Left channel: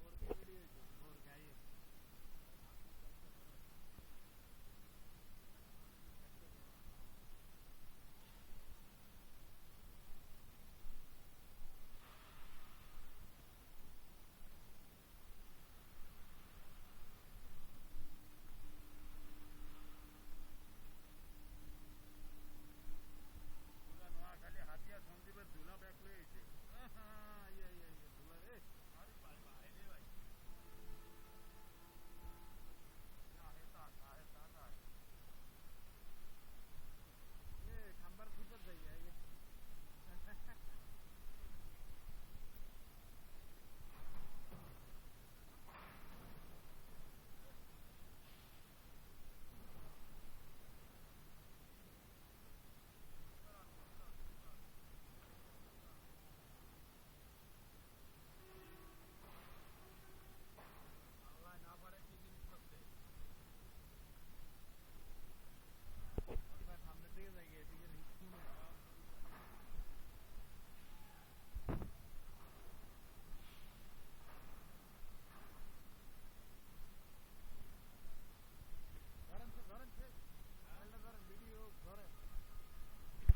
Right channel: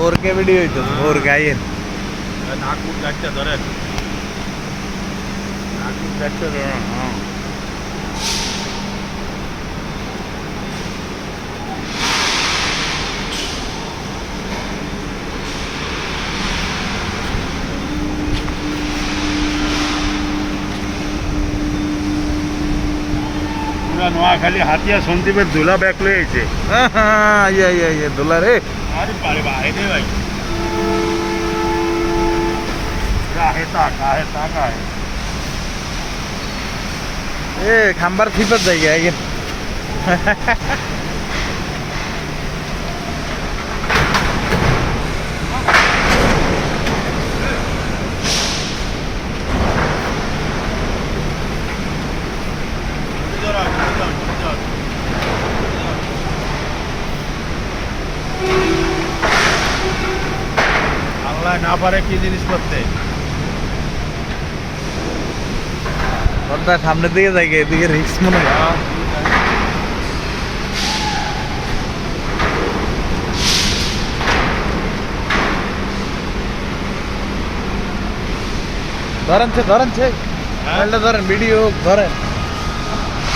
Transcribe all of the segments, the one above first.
4K video হইতো 4K আইয়েন Nagpur গাছটা ধরেন, নাগপুর গাছটা ধরেন। হ্যাঁ, পুরা নোয়াখালী হাতিয়া সন্দীপের দুলা ব্যাক লয়েছে। ইয়ে দোলা রে আরে পারে ভাই রে ভাই, কাহে তা এ খাম্বার ফিপার জায়গা আইয়েন আল্লাহ না পারে কি জিনিস করতে। পর্দা সামনের দিকে জায়গা এদিকে রিক্স মনে হয় ধরেন ধরেন ভিডিও ধরেন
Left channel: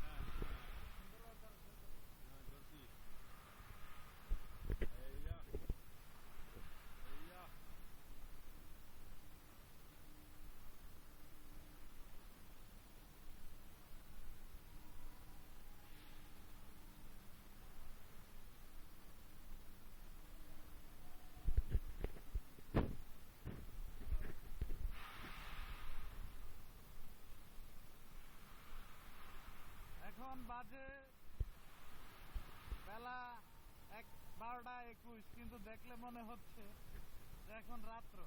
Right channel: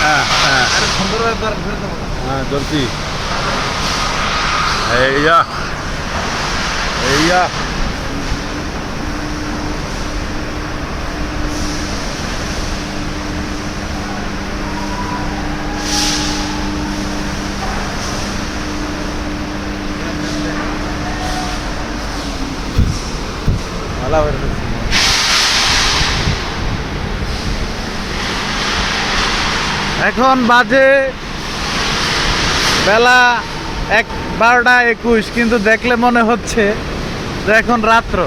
হ্যাঁ হ্যাঁ সুন্দরভাবে ধরেন ফেরত দেবো। হ্যাঁ ধরছি। এইয়া এইয়া ভালো করে ধরছি। এখন বাজে বেলা 12টা 21, কিন্তু দেখলে মনে হচ্ছে যে এখন রাত্র।